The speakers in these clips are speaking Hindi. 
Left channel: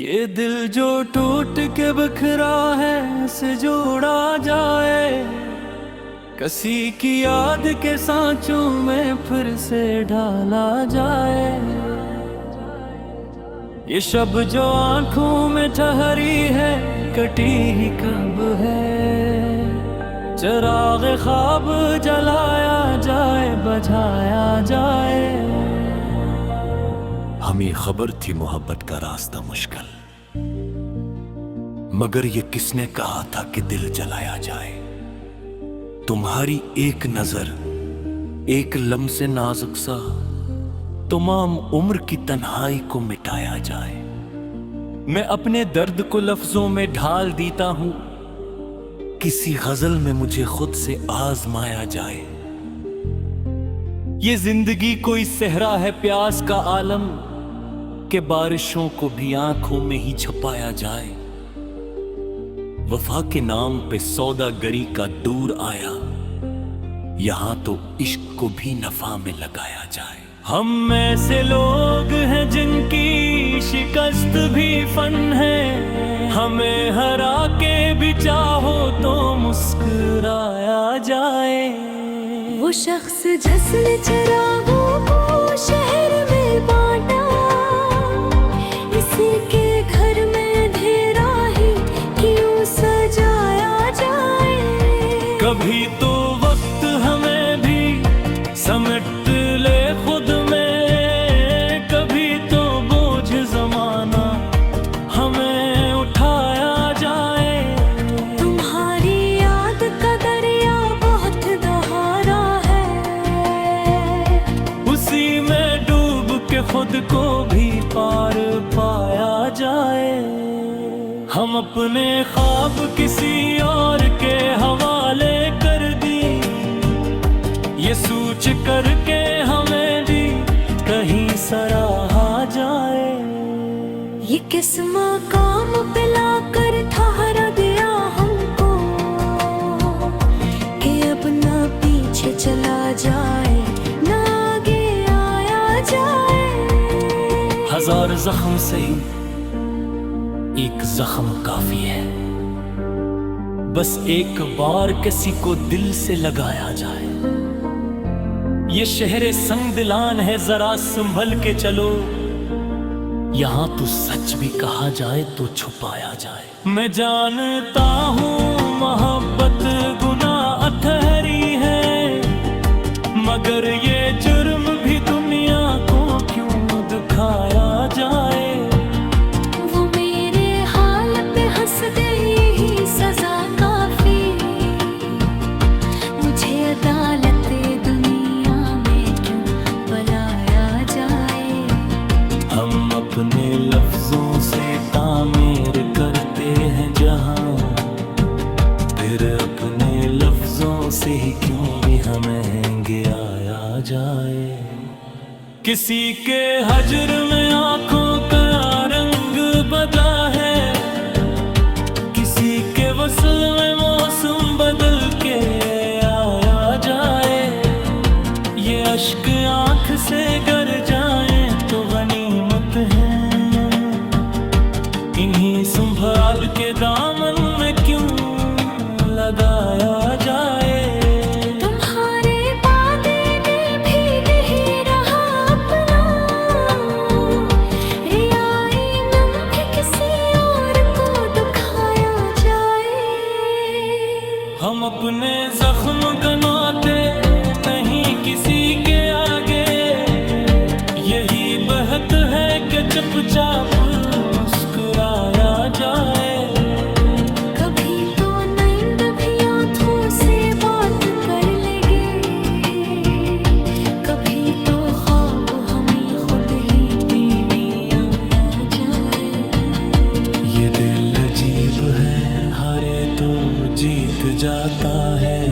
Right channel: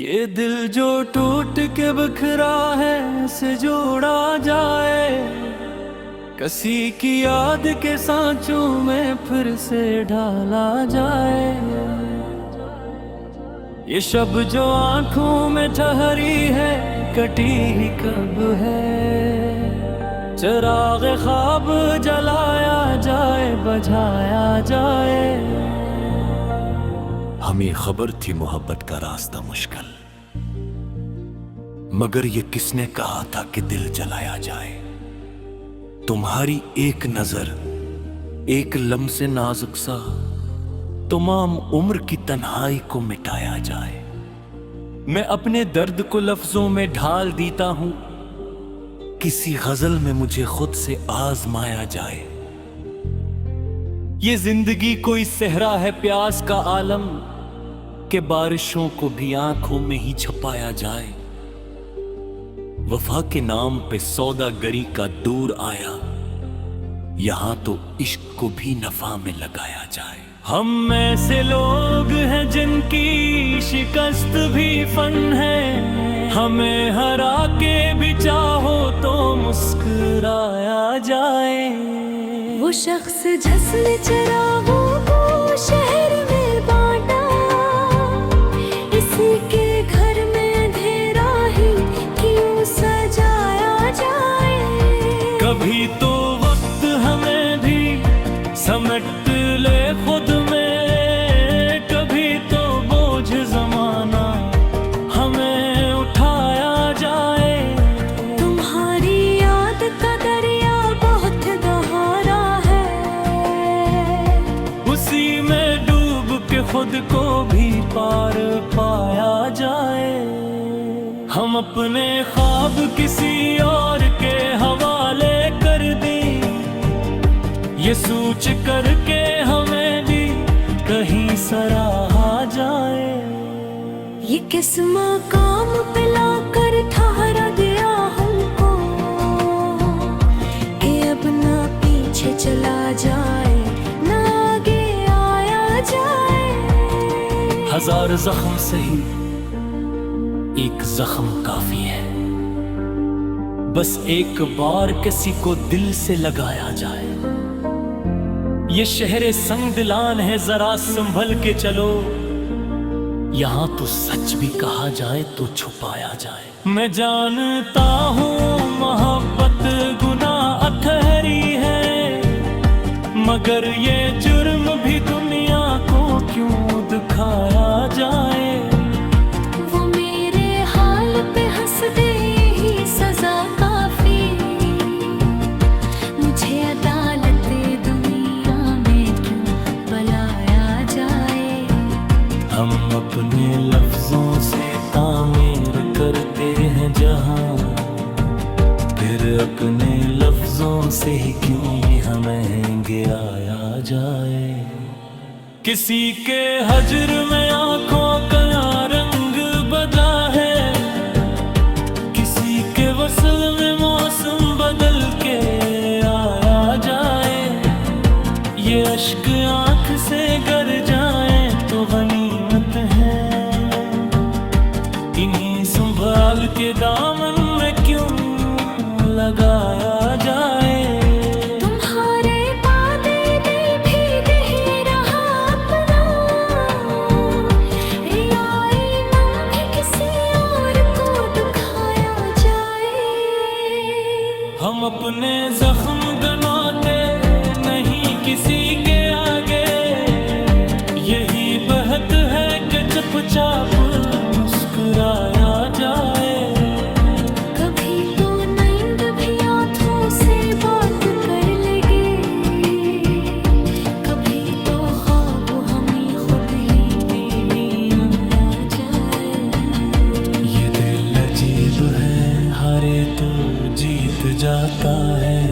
ये दिल जो टूट के बिखरा है से जोड़ा जाए, किसी की याद के सांचों में फिर से ढाला जाए। ये शब जो आंखों में ठहरी है कटी ही कब है, चिराग ख्वाब जलाया जाए बझाया जाए। हमें खबर थी मोहब्बत का रास्ता मुश्किल, मगर ये किसने कहा था कि दिल जलाया जाए। तुम्हारी एक नजर एक लम्से नाजुक सा तमाम उम्र की तन्हाई को मिटाया जाए। मैं अपने दर्द को लफ्जों में ढाल देता हूं, किसी गजल में मुझे खुद से आजमाया जाए। ये जिंदगी कोई सहरा है प्यास का आलम, के बारिशों को भी आंखों में ही छुपाया जाए। वफा के नाम पे सौदागरी का दूर आया, यहां तो इश्क को भी नफा में लगाया जाए। हम ऐसे लोग हैं जिनकी शिकस्त भी फन है, हमें हरा के भी चाहो तो मुस्कुराया जाए। वो शख्स जिसने चिरागों को शहर में बांटा, इसी के घर में अंधेरा ही क्यों सजाया जाए। कभी तो वक्त हमें भी समेट ले खुद में, कभी तो बोझ जमाना हमें उठाया जाए। तुम्हारी याद का दरिया बहुत गहरा है, उसी में डूब के खुद को भी पार पाया जाए। हम अपने ख्वाब किसी और के हवाले कर दी, ये सोच करके हमें भी कहीं सराहा जाए। ये किस मकाम पे लाकर ठहरा दिया हमको, कि अब ना पीछे चला जाए ना आगे आया जाए। हजार जख्म सही एक जख्म काफी है, बस एक बार किसी को दिल से लगाया जाए। ये शहर संग दिलान है, जरा संभल के चलो, यहां तो सच भी कहा जाए तो छुपाया जाए। मैं जानता हूं मोहब्बत गुनाह अथहरी है, मगर ये जुर्म भी दुनिया को क्यों दिखाया जाए। वो मेरे हाल पे हंस दे यही सजा काफी, मुझे अदालत दुनिया में क्यों बुलाया जाए। हम अपने लफ्जों से तामीर करते हैं जहां, फिर अपने लफ्जों से ही क्यों भी महंगे आया जाए। किसी के हजर में आंखों का रंग बदला है, किसी के वसल में मौसम बदल के आया जाए। ये अश्क आंख से गर जाए तो गनीमत है, इन्हीं संभाल के दामन में क्यों लगाया जाए। तुम्हारे पादे दिल भीग ही रहा अपना, रियाई नम भी किसी और को दुखाया जाए। हम अपने जख्म गनाते नहीं किसी के आगे, यही बहत है कि चुपचाप मुस्कुराया जाए। कभी तो नींद भी आंखों से बात कर लेगे, कभी तो ख्वाब हमें खुद ही बीवी आया जाए। ये दिल अजीब है, हारे तो जीत जाता है,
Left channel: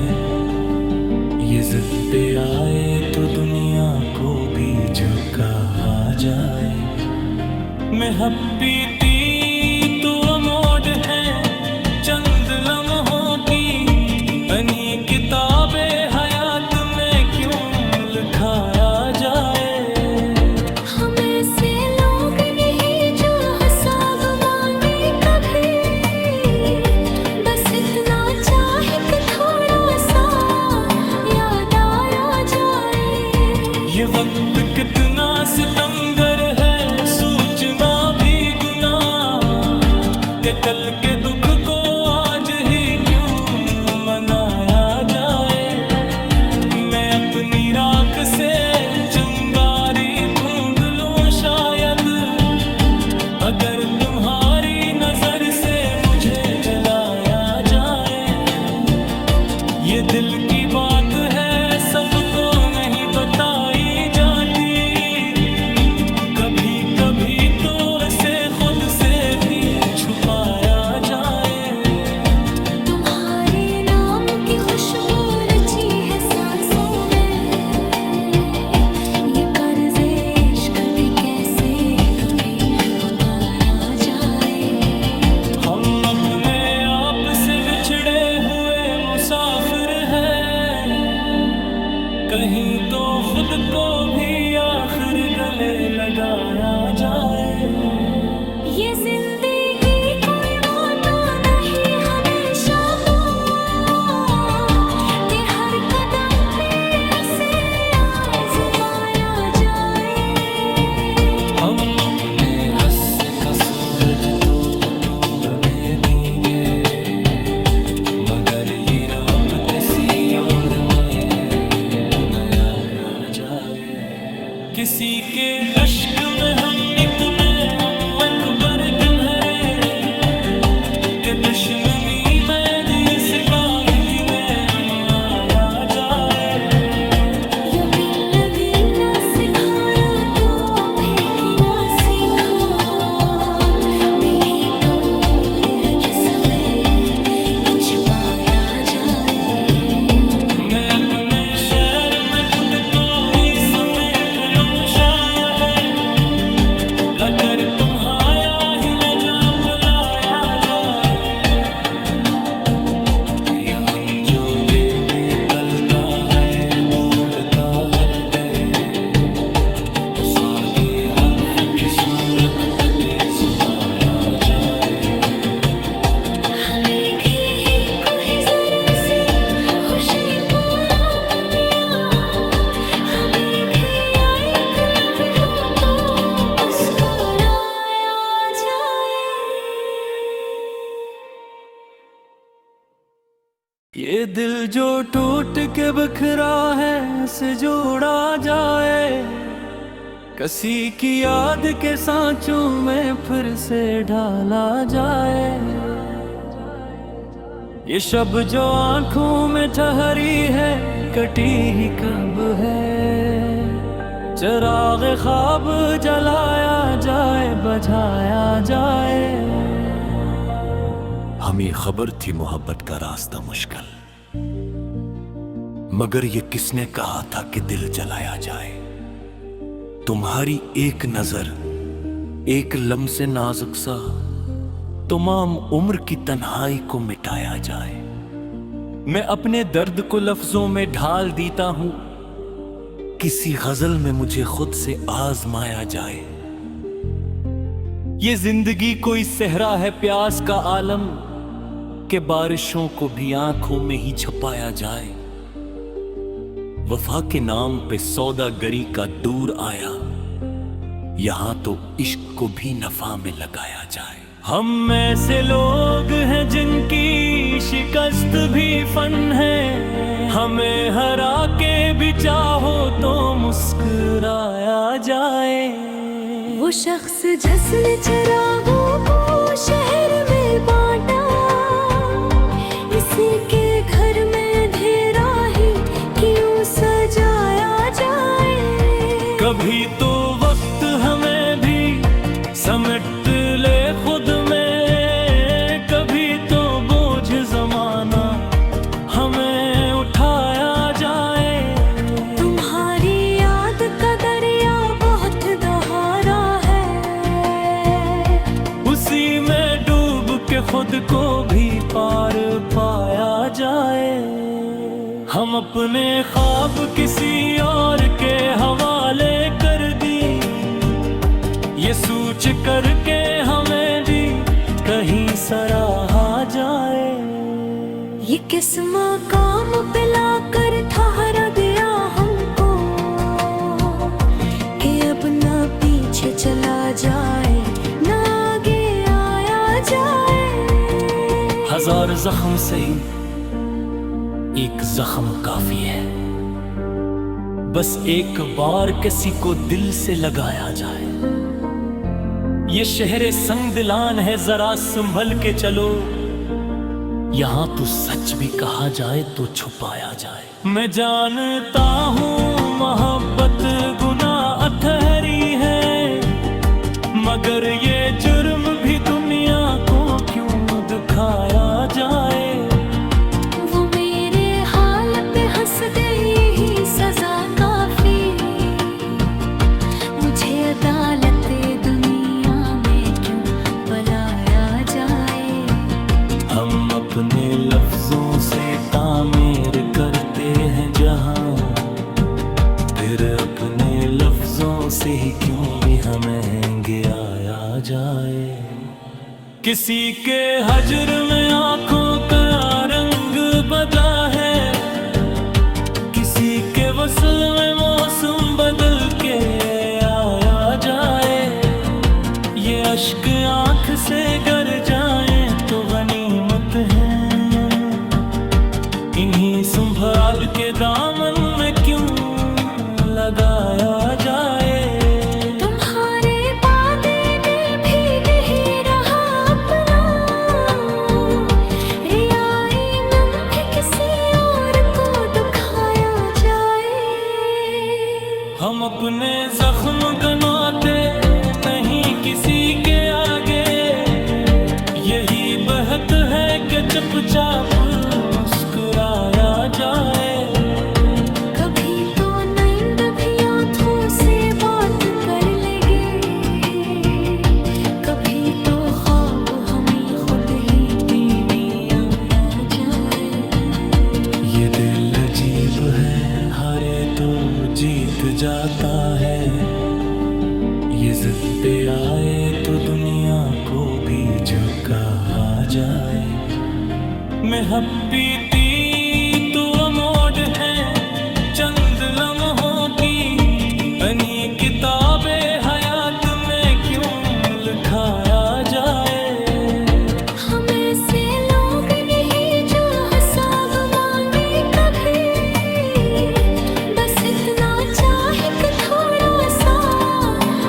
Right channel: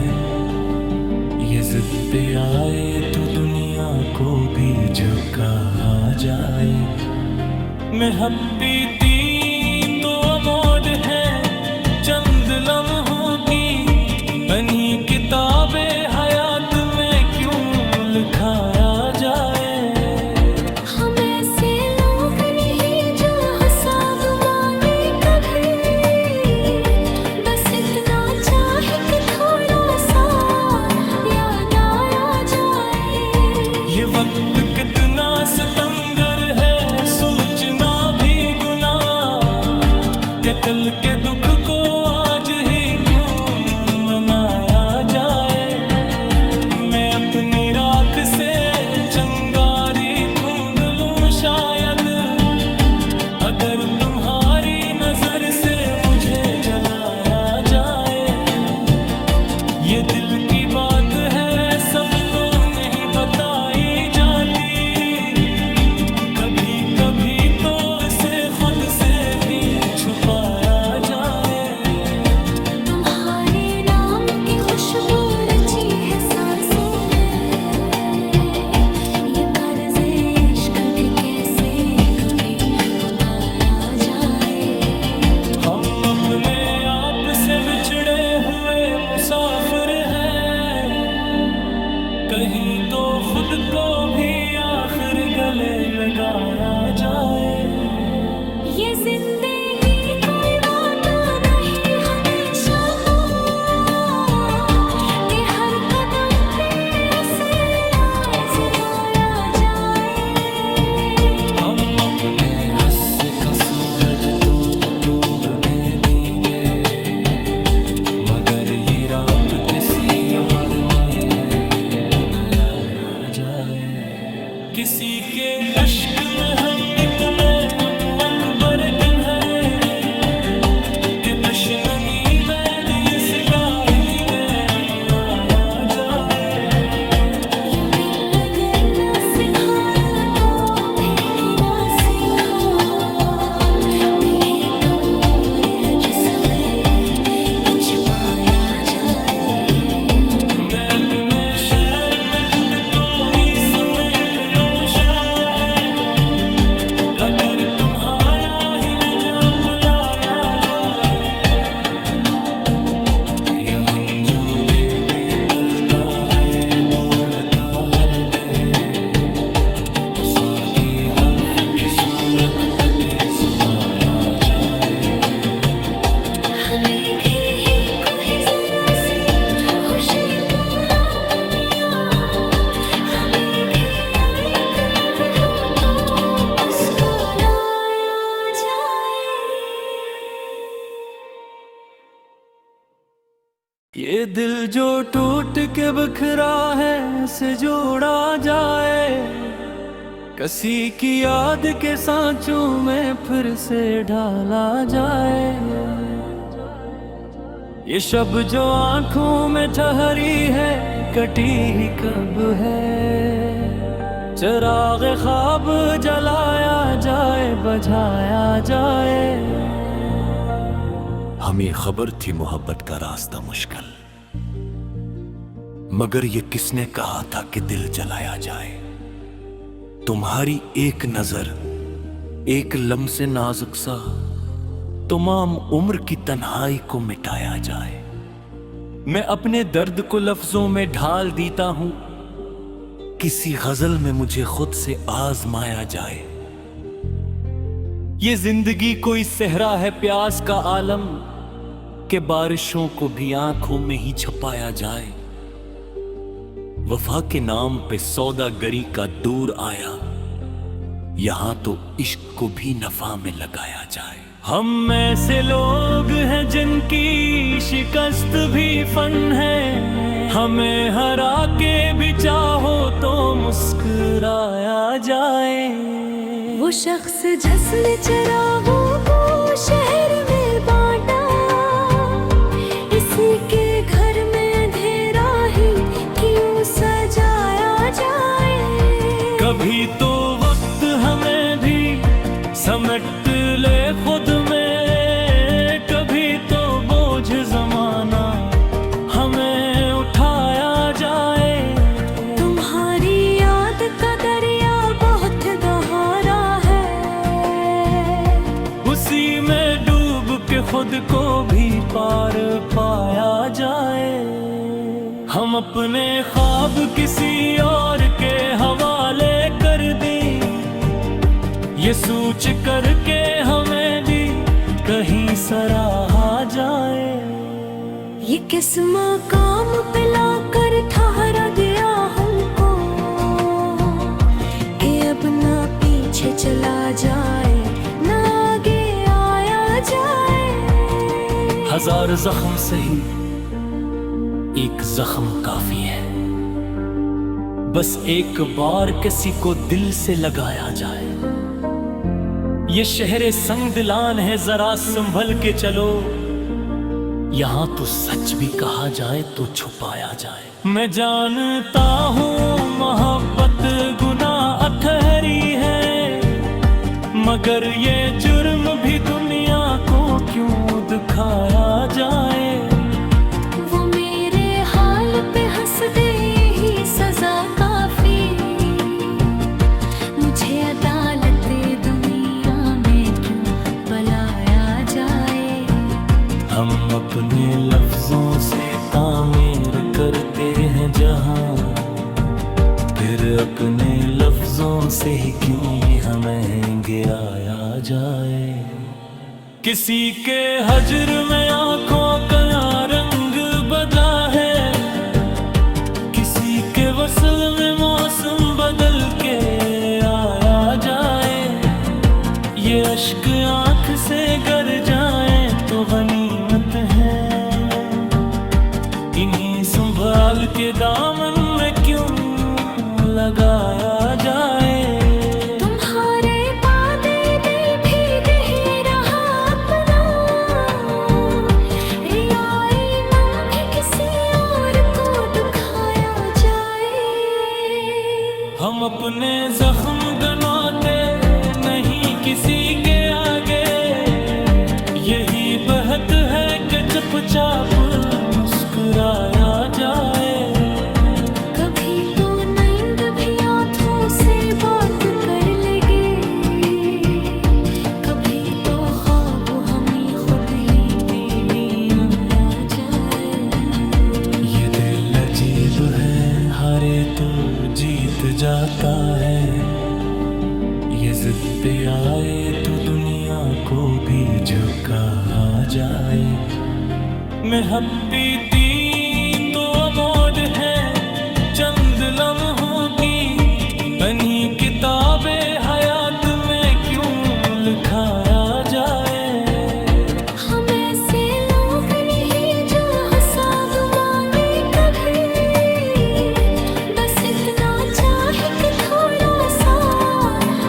ये जिद पे आए तो दुनिया को भी झुका जाए। मैं हपीती तो अमोड है चंद लम्हों की, इन्हीं किताबे हयात में क्यों लिखाया जाए। हम ऐसे लोग नहीं जो हिसाब ये वक्त कितना सितमगर है, सूचना भी गुनाह कि कल के दुख को आज ही क्यों मनाया जाए। मैं अपनी राख से चंगारी ढूंढ लूं शायद, अगर तुम्हारी नजर से मुझे जलाया जाए। ये दिल की बात है, सबको नहीं बताई जाती, कभी कभी तो इसे खुद से भी छुपाया जाए। तुम्हारे नाम की खुशबू रची है सांसों में, ये कर्ज़े इश्क भी कैसे कभी उतारा जाए। हम अपने आप से बिछड़े हुए मुसाफिर हैं, कहीं तो खुद को भी आखिर गले लगाया जाए। ये जिंदगी कोई वादा नहीं हमेशा वो, कि हर कदम पे उसे आजमाया जाए। हम अपने हस्से का सूरज तो डूबने देंगे, मगर ये रात किसी और मया आ जाए। किसी के अश्क में हम इतने हम अकबर किन्हरे, कि दुश्मनी में दिस का ही किले हम आ जाए। यकीन लगे ना सिखारा तो फिर क्या सीखो, मेरे कौर है जिसमें कुछ पाया जाए। मैं अपने शहर में घुट को ही समेट लूं शायद, लकर तुम्हारा ही न जा पलाया जाए। यह हम जो दिल में कलता है बोलता हृदय, उस आगे हल्फ की सूरत पे सुनाया जाए। हमें भी कोई जरा से खुशी पूरा बनिया, हमें भी आए तलब हो तो मुस्कुराया जाए। ये दिल जो टूट के बिखरा है से जोड़ा जाए, किसी की याद के सांचों में फिर से ढाला जाए। ये शब जो आंखों में ठहरी है कटी ही कब है, चिराग ख्वाब जलाया जाए बझाया जाए। हमें खबर थी मोहब्बत का रास्ता मुश्किल, मगर ये किसने कहा था कि दिल जलाया जाए। तुम्हारी एक नजर एक लम्से नाजुक सा तमाम उम्र की तन्हाई को मिटाया जाए। मैं अपने दर्द को लफ्जों में ढाल देता हूँ, किसी गजल में मुझे खुद से आजमाया जाए। ये जिंदगी कोई सहरा है प्यास का आलम, के बारिशों को भी आंखों में ही छुपाया जाए। वफा के नाम पे सौदागरी का दूर आया, यहां तो इश्क को भी नफा में लगाया जाए। हम ऐसे लोग हैं जिनकी शिकस्त भी फन है, हमें हरा के भी चाहो तो मुस्कुराया जाए। वो शख्स जिसने चिरागों को शहर में बांटा, इसी के घर में अंधेरा ही क्यों सजाया जाए। कभी तो वक्त हमें भी समेट ले खुद में, कभी तो बोझ जमाना हमें उठाया जाए। तुम्हारी याद का दरिया बहुत गहरा है, उसी में डूब के खुद को भी पार पाया जाए। हम अपने ख्वाब किसी और के हवाले कर दी, ये सोच करके हमें भी कहीं सराहा जाए। ये किस मकाम पे लाकर ठहरा दिया हमको, अब ना पीछे चला जाए, ना आगे आया जाए। हजार जख्म सही, एक जख्म काफी है। बस एक बार किसी को दिल से लगाया जाए। ये शहरे संग दिलान है, जरा संभल के चलो। यहाँ तो सच भी कहा जाए तो छुपाया जाए। मैं जानता हूँ मोहब्बत गुनाह अथहरी है, मगर ये जुर्म भी दुनिया को क्यों दिखाया जाए। वो मेरे हाल पे हंस दे, यही सजा काफी। मुझे अदालत दुनिया में क्यों बुलाया जाए। हम अपने लफ्जों से तामीर करते हैं जहां, फिर अपने लफ्जों से ही क्यों भी हमें गिराया जाए। किसी के हजर में आंखों का रंग बदला है, किसी के वसल में मौसम बदल के आया जाए। ये अश्क आंख से गर जाए तो गनीमत है, इन्हीं संभाल के दामन में क्यों लगाया जाए। तुम्हारे वादे दिल भीग ही रहा अपना, रियाई नम भी किसी और को दुखाया जाए। हम अपने जख्म गनवाते नहीं किसी के आगे, यही बहत है कि चुपचाप मुस्कुराया जाए। कभी तो नींद भी आँखों से बात कर लेगे, कभी तो ख्वाब हमें खुद ही बेलिया आ जाए। ये दिल अजीब है, हारे तो जीत जाता है। ये जिद पे आए तो दुनिया को भी झुका जाए। मैं पीती तो अमोड है चंद लम्हों की, इन्हीं किताबे हयात में क्यों लिखाया जाए। हम ऐसे लोग नहीं जो हिसाब मांगे कभी, बस इतना चाहे कि थोड़ा सा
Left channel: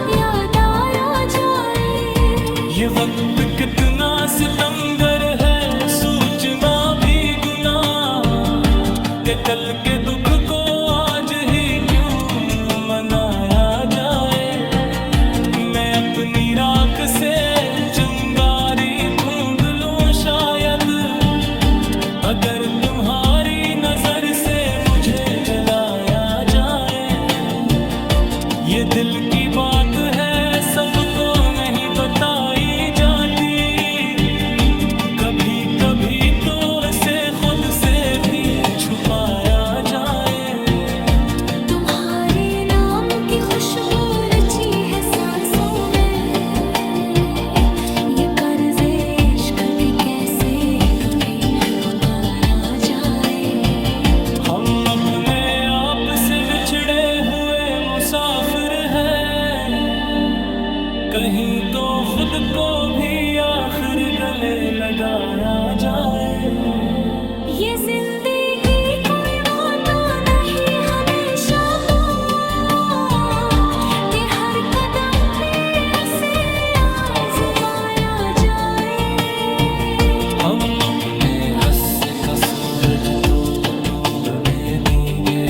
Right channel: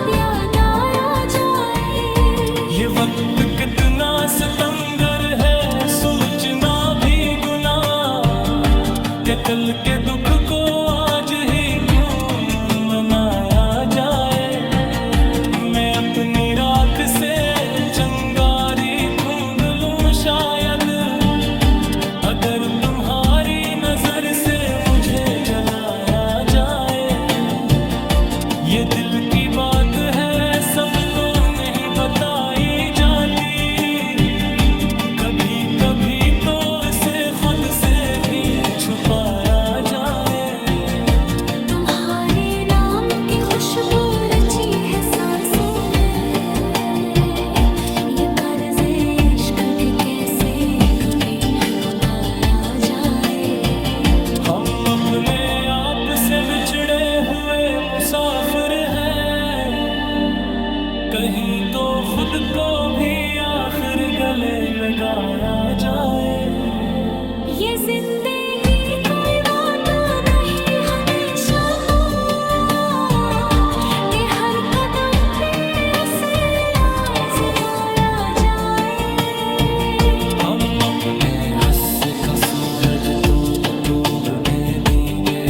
याद आया जाए। ये वक्त कितना सितमगर है, सूचना भी गुनाह कि कल के दुख को आज ही क्यों मनाया जाए। मैं अपनी राख से चंगारी ढूंढ लूं शायद, अगर तुम्हारी नजर से मुझे जलाया जाए। ये दिल की बात है, सबको नहीं बताई जाती, कभी कभी तो इसे खुद से भी छुपाया जाए। तुम्हारे नाम की खुशबू रची है सांसों में, ये कर्ज़े इश्क भी कैसे कभी उतारा जाए। हम अपने आप से बिछड़े हुए मुसाफिर हैं, कहीं तो खुद को भी आखिर गले लगाया जाए। ये जिंदगी कोई वादा नहीं हमेशा वो, कि हर कदम पे उसे आजमाया जाए। हम अपने हस्से का सूरज तो डूबने देंगे,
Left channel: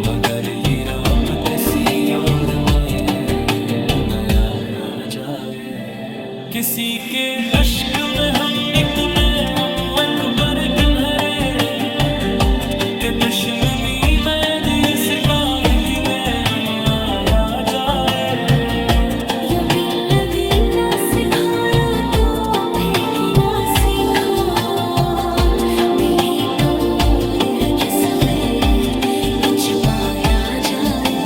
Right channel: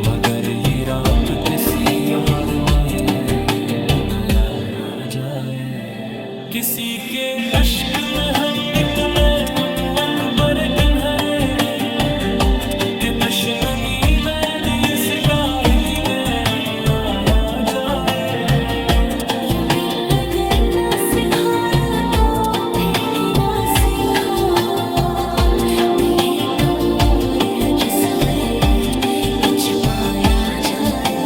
मगर ये रात किसी और में नया आ जाए। किसी के अश्क में हम इतने हम अकबर किन्हरे, कि दुश्मनी में दिस ताहितिले हम आ जाए। यकीन लगना सिखारा तो फिर किया सीखो, मेरे कौर है जिसमें कुछ पाया जाए।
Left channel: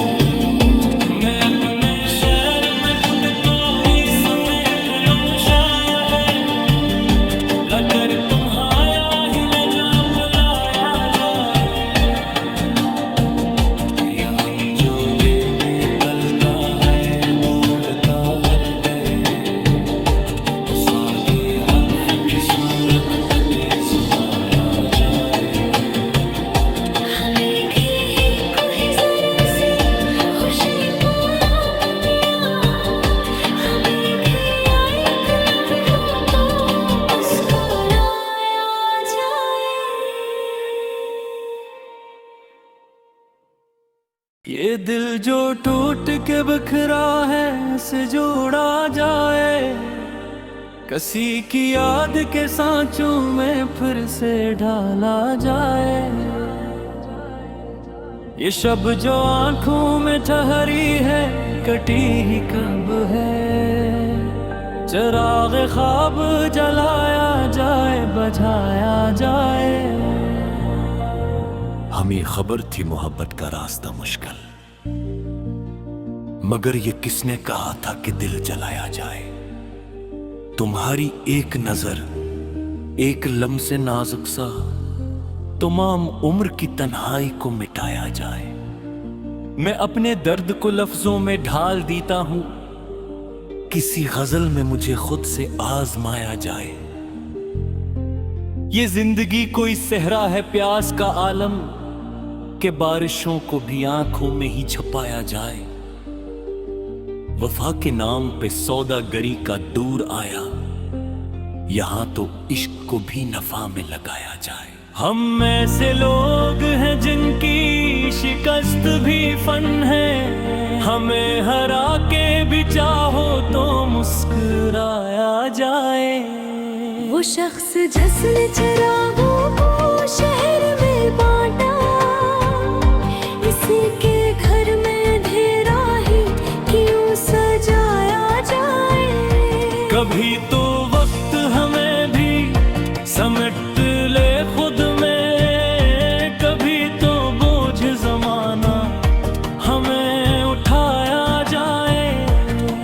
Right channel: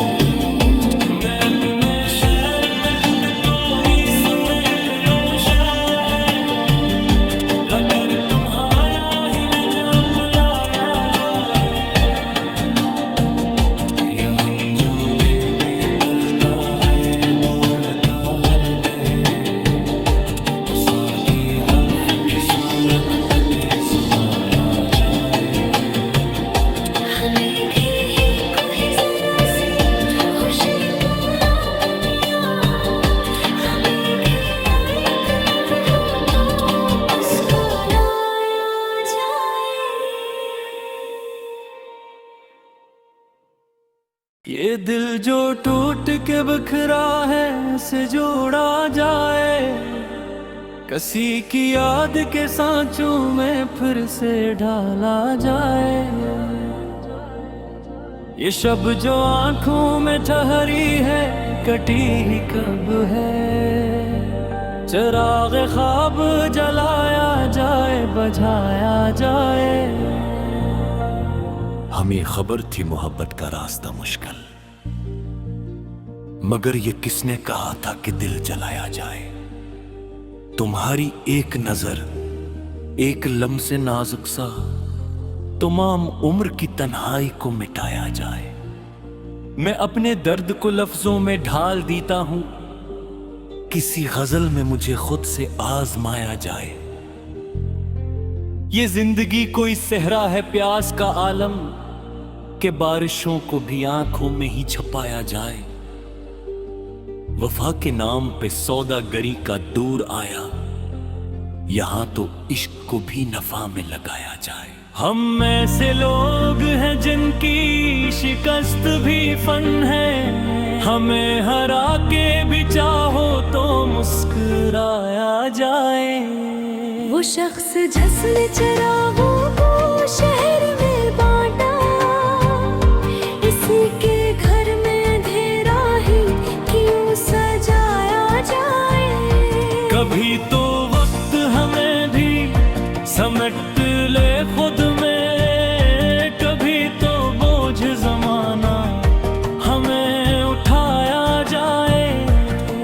मैं अपने शहर में घुट को ही समेट लूं शायद, लकर तुम्हारा ही ले जा पलाया जाए। यहाँ जो दिल में कलता है बोलता है बहे उस आगे हल्फ की सूरत पे जुमाया जाए। हमें भी है कोई जरा से खुशी पूरा बनिया, हमें भी आए पलक हो तो मुस्कुराया जाए। ये दिल जो टूट के बिखरा है से जोड़ा जाए, किसी की याद के सांचों में फिर से ढाला जाए। ये शब जो आंखों में ठहरी है कटी ही कब है, चिराग ख्वाब जलाया जाए बजाया जाए। हमें खबर थी मोहब्बत का रास्ता मुश्किल, मगर ये किसने कहा था कि दिल जलाया जाए। तुम्हारी एक नजर एक लम्से नाजुक सा तमाम उम्र की तन्हाई को मिटाया जाए। मैं अपने दर्द को लफ्जों में ढाल देता हूं, किसी गजल में मुझे खुद से आजमाया जाए। ये जिंदगी कोई सहरा है प्यास का आलम, के बारिशों को भी आंखों में ही छुपाया जाए। वफा के नाम पे सौदागरी का दूर आया, यहां तो इश्क को भी नफा में लगाया जाए। हम ऐसे लोग हैं जिनकी शिकस्त भी फन है, हमें हरा के भी चाहो तो मुस्कुराया जाए। वो शख्स जिसने चिरागों को शहर में बांटा, इसी के घर में अंधेरा ही क्यों सजाया जाए। कभी तो वक्त हमें भी समेट ले खुद में, कभी तो बोझ जमाना हमें उठाया जाए।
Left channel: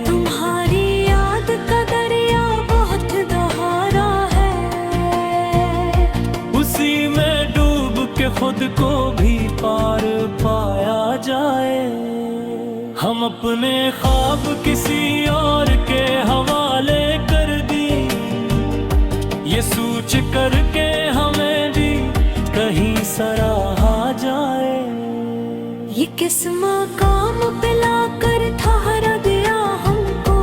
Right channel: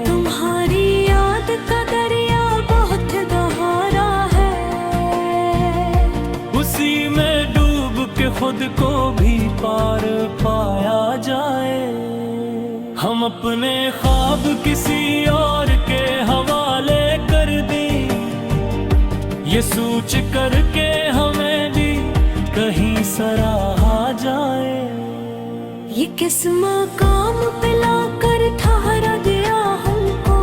तुम्हारी याद का दरिया बहुत गहरा है, उसी में डूब के खुद को भी पार पाया जाए। हम अपने ख्वाब किसी और के हवाले कर दी, ये सोच करके हमें भी कहीं सराहा जाए। ये किस मकाम पे लाकर ठहरा दिया हमको,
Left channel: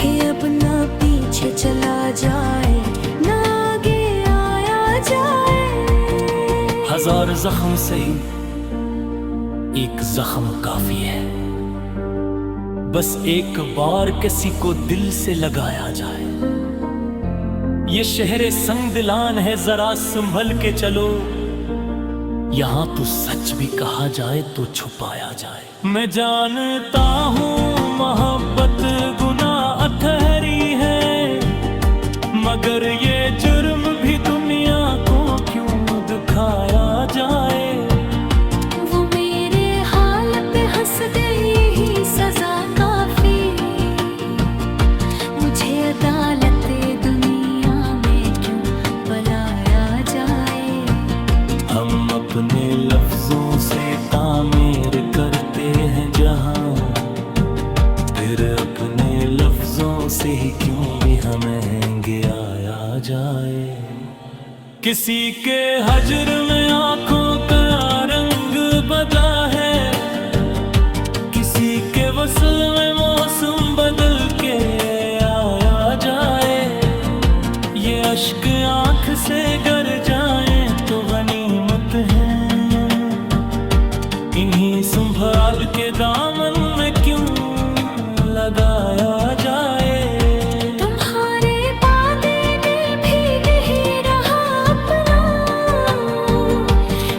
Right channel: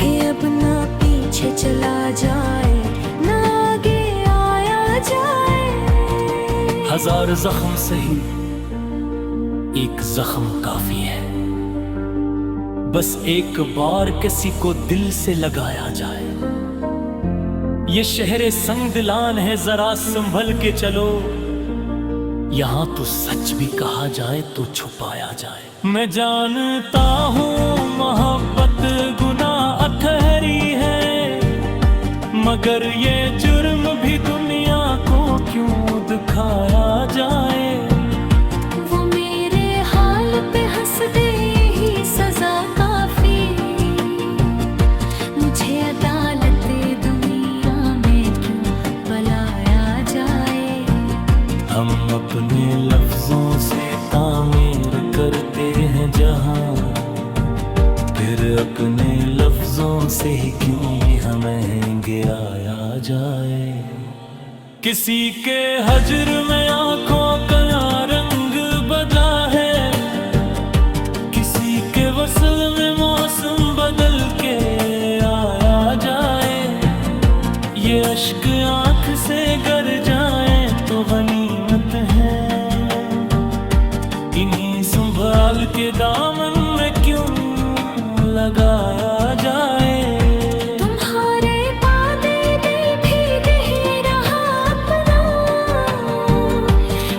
कि अब ना पीछे चला जाए ना आगे आया जाए। हजार जख्म सही एक जख्म काफी है, बस एक बार किसी को दिल से लगाया जाए। ये शहरे संग दिलान है, जरा संभल के चलो, यहां तो सच भी कहा जाए तो छुपाया जाए। मैं जानता हूँ मोहब्बत गुनाह अथहरी है, मगर ये जुर्म भी दुनिया को क्यों दिखाया जाए। वो मेरे हाल पे हंस दे यही सजा काफी, मुझे अदालत दुनिया में क्यों बुलाया जाए। हम अपने लफ्जों से तामीर करते हैं जहां, फिर अपने लफ्जों से ही क्यों भी हमें गिराया जाए। किसी के हजर में आंखों का रंग बदला है, किसी के वसल में मौसम बदल के आया जाए। ये अश्क आंख से गर जाए तो गनीमत है, इन्हीं संभाल के दामन में क्यों लगाया जाए। तुम्हारे वादे दे भीग ही रहा अपना,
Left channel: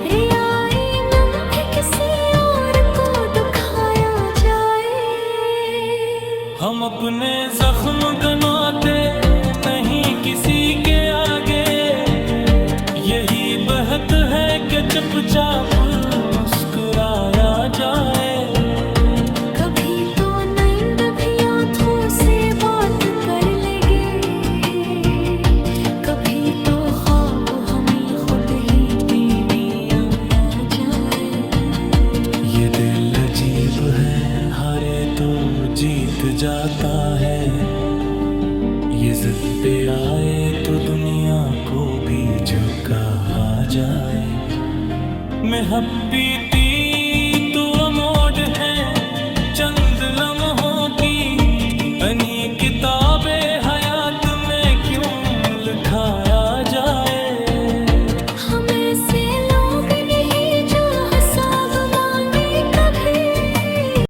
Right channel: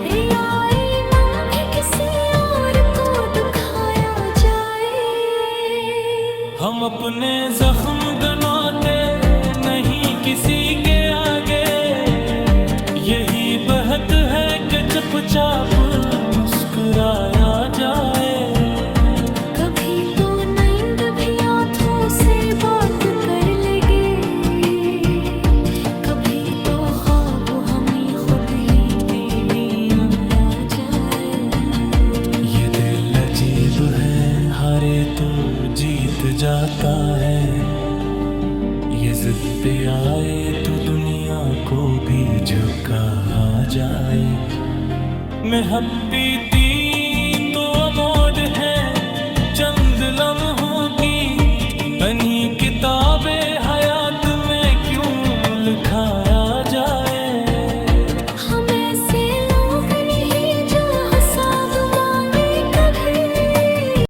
रियाई नम भी किसी और को दुखाया जाए। हम अपने जख्म गनाते नहीं किसी के आगे, यही बहत है कि चुपचाप मुस्कुराया जाए। कभी तो नींद भी आंखों से बात कर लेगे, कभी तो ख्वाब हमें खुद ही बेड़ी आया जाए। दिल अजीब है, हारे तो जीत जाता है। ये जिद पे आए तो दुनिया को भी झुका आ जाए। मैं हपीती तो अमोड है चंद लम्हों की, अन्हीं किताबे हयात में क्यों लिखाया जाए।